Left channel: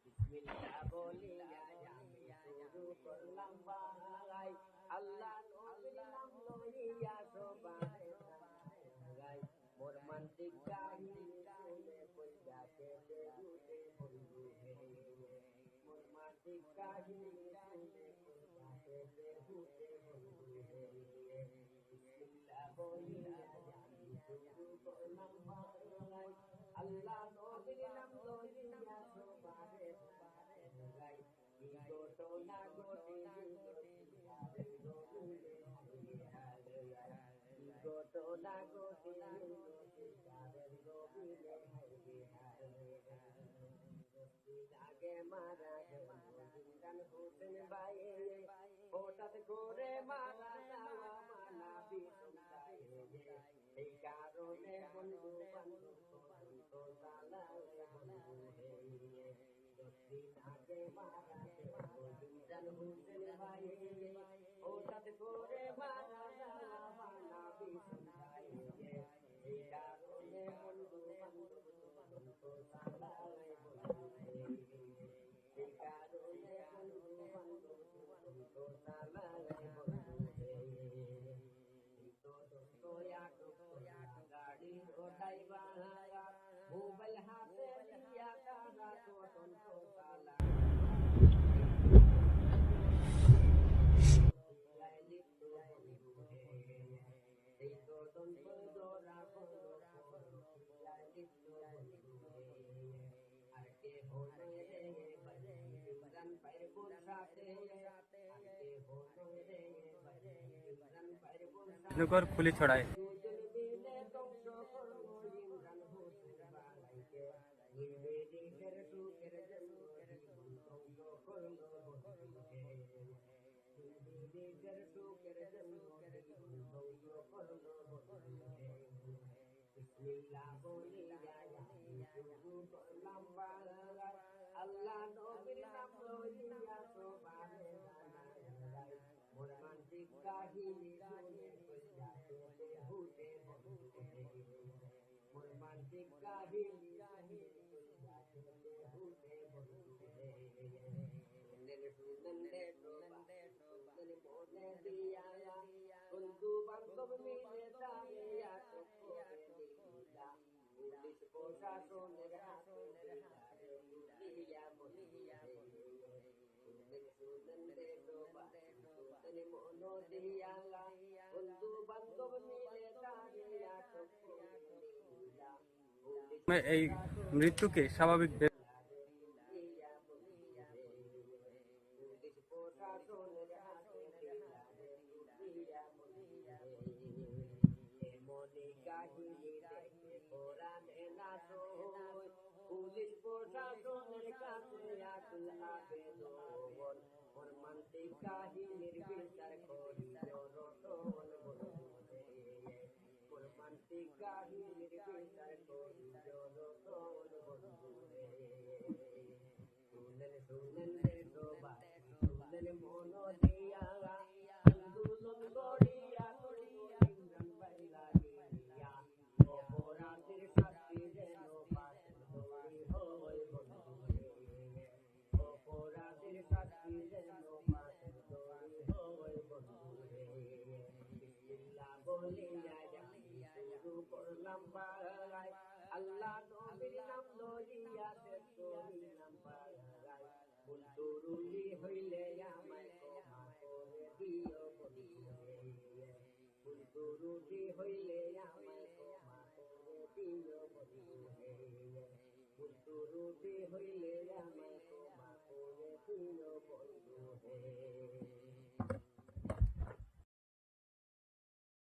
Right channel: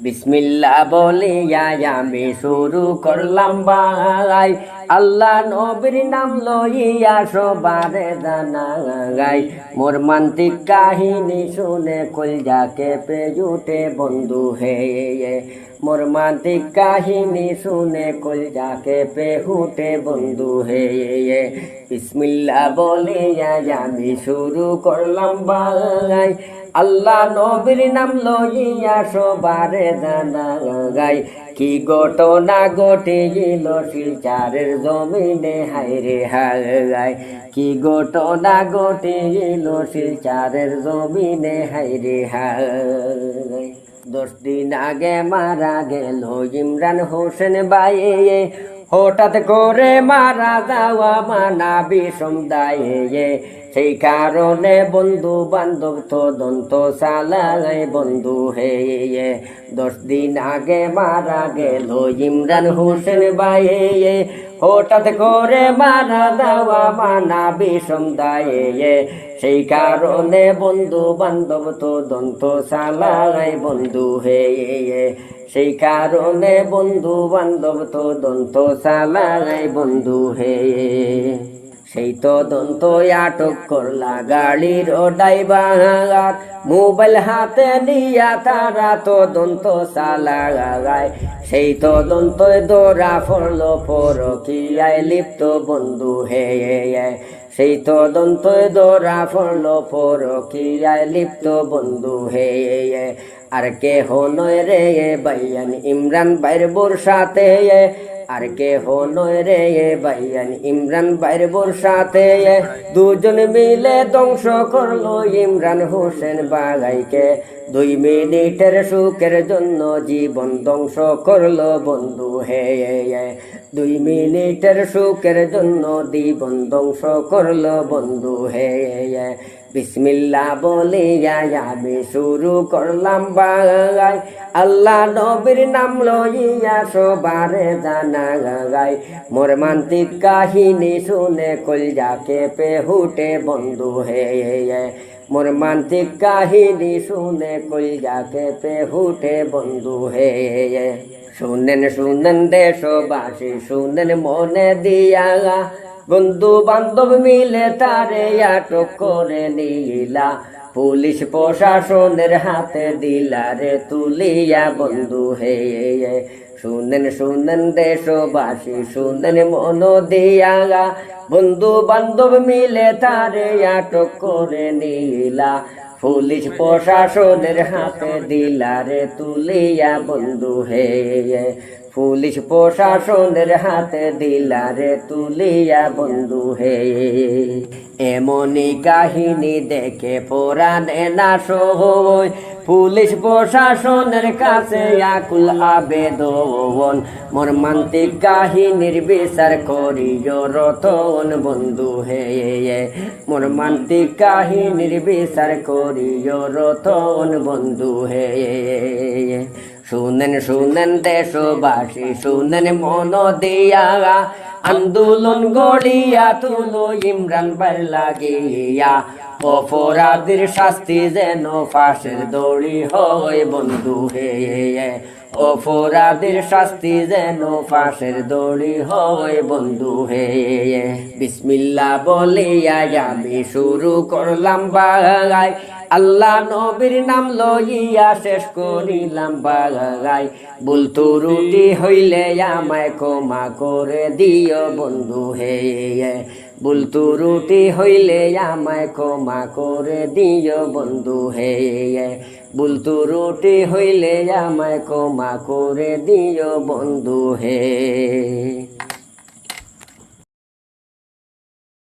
বিসমিল্লা বলে আমি শুরু করলাম ভাই। আল্লাহ নবীর নাম লইয়া সবারে মোর মান্তিক কাহিনী শুনে কলজাকে পেজুটে বন্ধু হে মোর মান্তিক কাহিনী শুনে কলজাকে পেহুটে বন্ধু হে বিসমিল্লা বলে আমি শুরু করলাম ভাই আল্লাহ নবীর নাম লইয়া সবারে জানা গাই। কি ঘটনা ঘটে গেল শিলচারের জমিনে হাইরে হাই কি ঘটনা ঘটে গেল শিলচারের জমিনে হাইরে হাই দশ দিন আগে মারা গেল ইমরান হোসেন বাইয়ে হঠাৎ করে মারা যাওয়া মানা বিষম দায়ে সেই কারণে বন্ধু বান্ধব তো দন্ত সালাই বন্ধু হে দশ দিন আগে মারা গেল ইমরান হোসেন বাইয়ে হঠাৎ করে মারা দেওয়া মানা বিষম দায়ে। সেই কারণে বন্ধু বান্ধব তো দন্ত সালাই বন্ধু হে সেই কারণে বন্ধু বান্ধব তো দন্ত সালাই বন্ধু হে সেই তো দন্ত আটক করলা গাড়ির ও ড্রাইভার। মোবাইল হাতে নিয়া তারা তো দন্ত সালা গায় সেই তো দন্ত দৌড়া পড়ল পর কি আয় লিপ্ত বন্ধু হে সেই তো দন্ত দৌড়া পড়ল পর কি আয় লিপ্ত বন্ধু হে আর কে নয় রে বাইয়ান ইমরান বাইর বোর সাথে আর কে নয় রে বাইয়ান ইমরান বাইর বোর সাথে দুজন মিলে ধ্বংস করল ইমরান হোসেন বাগাইকে। দুই মিনিটের সুখের জন্য জীবন ধ্বংস করল বন্ধু হে দুই মিনিটের সুখের জন্য জীবন ধ্বংস করল বন্ধু হে বিসমিল্লা বলে আমি শুরু করলাম বাগাই আল্লাহ নবীর নাম লইয়া সবারে জানা গাই মোর মান্তিক কাহিনী শুনে কলজাকে পে হুটে বন্ধু হে। মোর মান্তিক কাহিনী শুনে কলজাকে পে হুটে বন্ধু হে। শুনেন শুনেন দেশবাসী, শুনেন মনে দিয়া। বন্ধু বান্ধব মিলে তারে আটক করে নিলা। পুলিশ প্রশাসনের হাতে দিলা রে তুলিয়া বন্ধু হে। শুনেন শুনেন দেশবাসী, শুনেন মন দিয়া। বন্ধু বান্ধব মিলে তারে আটক করে নিলা। পুলিশ প্রশাসনের হাতে দিলা রে তুলিয়া বন্ধু হে। পুলিশ প্রশাসনের হাতে দিলারে তুলিয়া বন্ধু হে। এমনই কাহিনী দেখে পোরানে না সই পুলিশ প্রশাসনের কাছে আকুল আবেদন। মর্মান্তিক কাহিনীর বিচার করিও রতন বন্ধু হে। মর্মান্তিক কাহিনীর বিচার করিও রতন বন্ধু হে। শুনেন শুনেন দেশবাসী শুনেন মন দিয়া আন্দোলন গড়িয়া তুলো ইমরান বার লাগিয়া অপরাধীর শাস্তি যেন ফাঁসের দড়ি হয় বন্ধু হে অপরাধীর শাস্তি যেন ফাঁসের দড়ি হয় বন্ধু হে বিসমিল্লা বলিয়া আমি শুরু করলাম বাগাই আল্লাহ নবীর নাম লইয়া শেষ করিলাম বাগাই বলতো, রুটি হইলে আমায় ক্ষমা করে দিও বন্ধু হে। বলতো, রুটি হইলে আমায় ক্ষমা করে দিও বন্ধু হে। বলতো, রুটি হইলে আমায় ক্ষমা করে দিও বন্ধু হে।